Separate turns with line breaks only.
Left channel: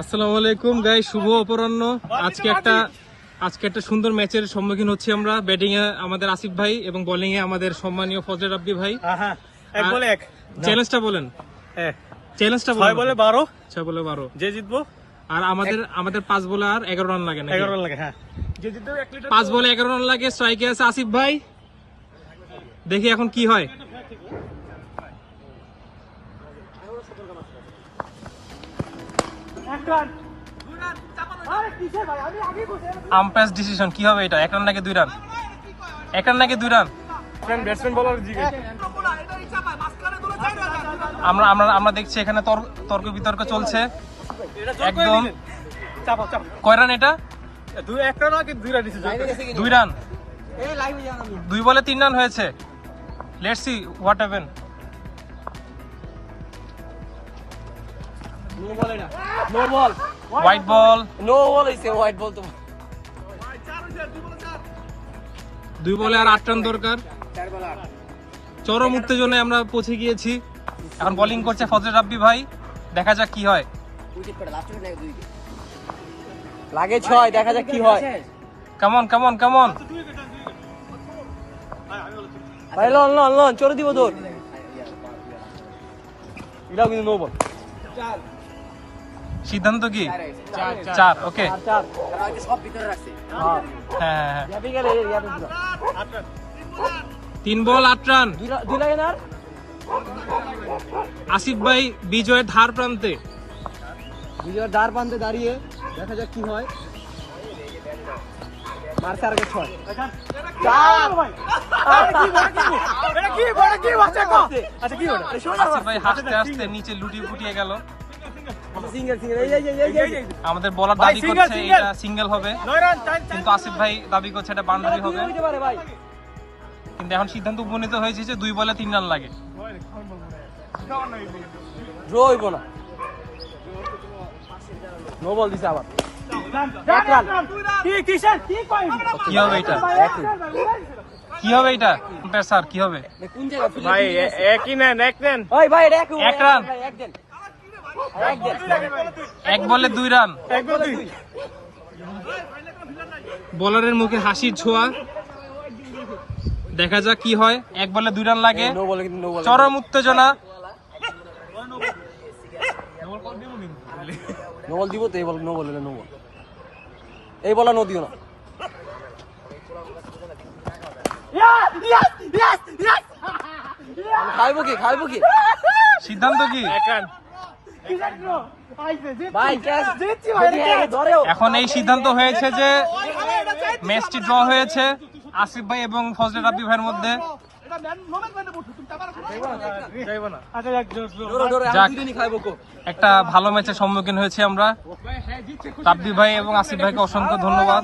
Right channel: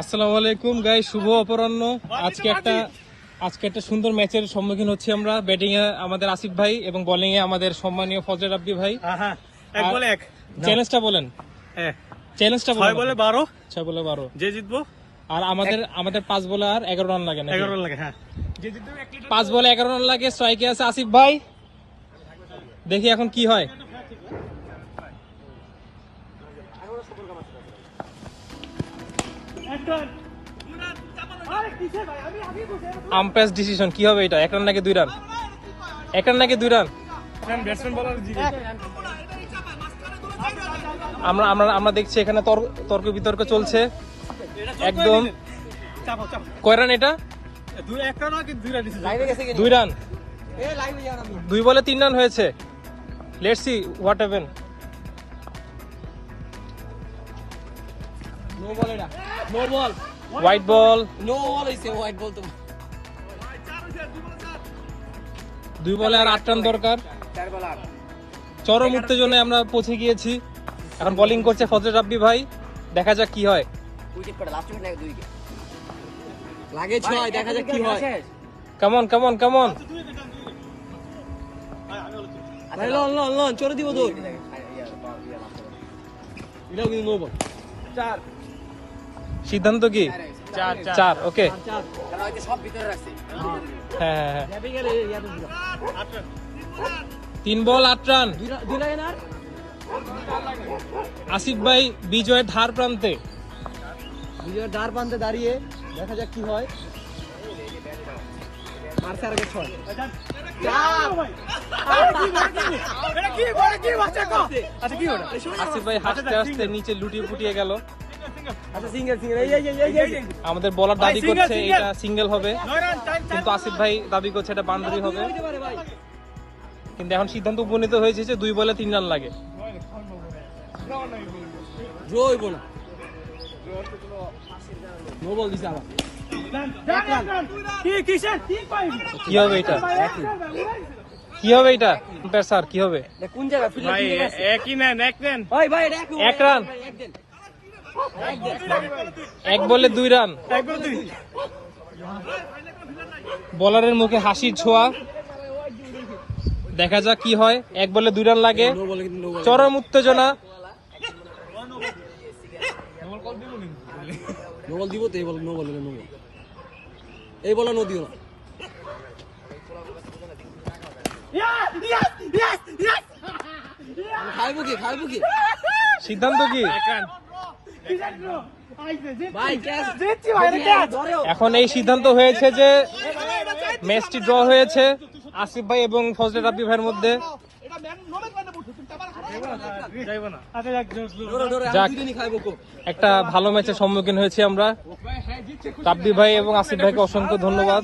আসসালামু আলাইকুম গাই শুভ অপরাহ্ন। আজকে একটা আজকে একটা সুন্দর ম্যাচের সম্মুখীন হচ্ছি আমরা। ব্যাটিং এ আমাদের আসিফ ভাই এবং বোলিং এ আমাদের সম্মানীয় ফজল রাব্বি ভাই।
হ্যাঁ এক বলে এক।
চ্যালেঞ্জটা বলেন।
হ্যাঁ।
চ্যালেঞ্জটা
ছয় বলে বারো।
ছয় বলে বারো।
যে জিতবো?
আর আমাদের আমাদের পাঁচ বলে আর এগারো রান লাগে না
এগারো রান লাগে হ্যাঁ। যে জিতবো
পাঁচ বলে এগারো রান লাগে স্ট্রাইকে আছে আসিফ ভাই। দেখি এখন কি হয়
এক রান আরে কিসে ভাই আমি আগে বসে
আম্পায়ার ডিসিশন কি হবে এটা? এক রান নাকি দুই রান? এক রান নাকি দুই রান?
ব্যাটসম্যান ব্যাটসম্যান বলার
আমরা আমরা আমরা দেখছি এখানে তর- তর্ক বিতর্ক চলছে। কয় রান এটা?
দুই রান
দুই বলে তিন রান হয়েছে। Let's see what happen
no ball এটা no ball
wide ball
no ball হইছে হোয়াইট বল তো
দুই বলে আর আট রান দরকার। চরম উত্তেজনায় আমরা পৌঁছে গিয়েছি। এখন বোলিং করছে ফজল রাব্বি ভাই। দেখা যাক কি হয়।
লাগে ছয় দেখা যাক কি হয়।
কেমন কেমন কেমন?
ভাই লন লন লন চলে দিব তো এটাও কিন্তু নো বল
সিদ্ধান্ত কি? চার ওকে
চার চার। হ্যাঁ
হ্যাঁ। হ্যাঁ তিন বল আট রান? আসিফ ভাই বিজয়ের ধার প্রান্তে।
বিজয়ের দ্বার প্রান্তে দাঁড়িয়ে দেখা যাক কি হয়। আগে ছয়।
আচ্ছা কি ওটা
হাসতে হাসতে নিচে লুটিয়ে ফুটিয়ে গেল। আমাদের বলার
ভাই,
দাবি করছে। এটা সিঙ্গেল হবে।
নয় রান চার চার
কিন্তু আসিফ ভাই দাবি করছে এটা বাউন্ডারি হবে।
ভাই।
কিন্তু এখন সিদ্ধান্ত উপনীত হয়েছে যে দুই বলে তিন রান লাগে।
না বল। দিছে আবার।
কি
হবে এটা? কি হবে স্যার কি
ভাই একই নেন এক নেন।
ভাই এটা এক
এক রান।
এক
বলে দুই রান।
এক বল দুই
বলারের মুখে হাসির ছোঁয়া। দেখা যাক কি হয়। এক বলে দুই রান লাগে।
নো বল কিন্তু নো
চরম উত্তেজনা।
নো বল দিব তো এই বল নো বল নো বল এই বলা নো। না খাইবো কি খাইবো কি?
সিদ্ধান্ত কি? এখন এই সিদ্ধান্ত হয়েছে যে ম্যাচটি ড্র হয়েছে আসিফ ভাই এবং ফজলে রাব্বি ভাইয়ের মধ্যে। একটা ভালো ম্যাচের সম্মুখীন হয়েছি আমরা। রাব্বি ভাই এবং আসিফ ভাইকে অসংখ্য ধন্যবাদ।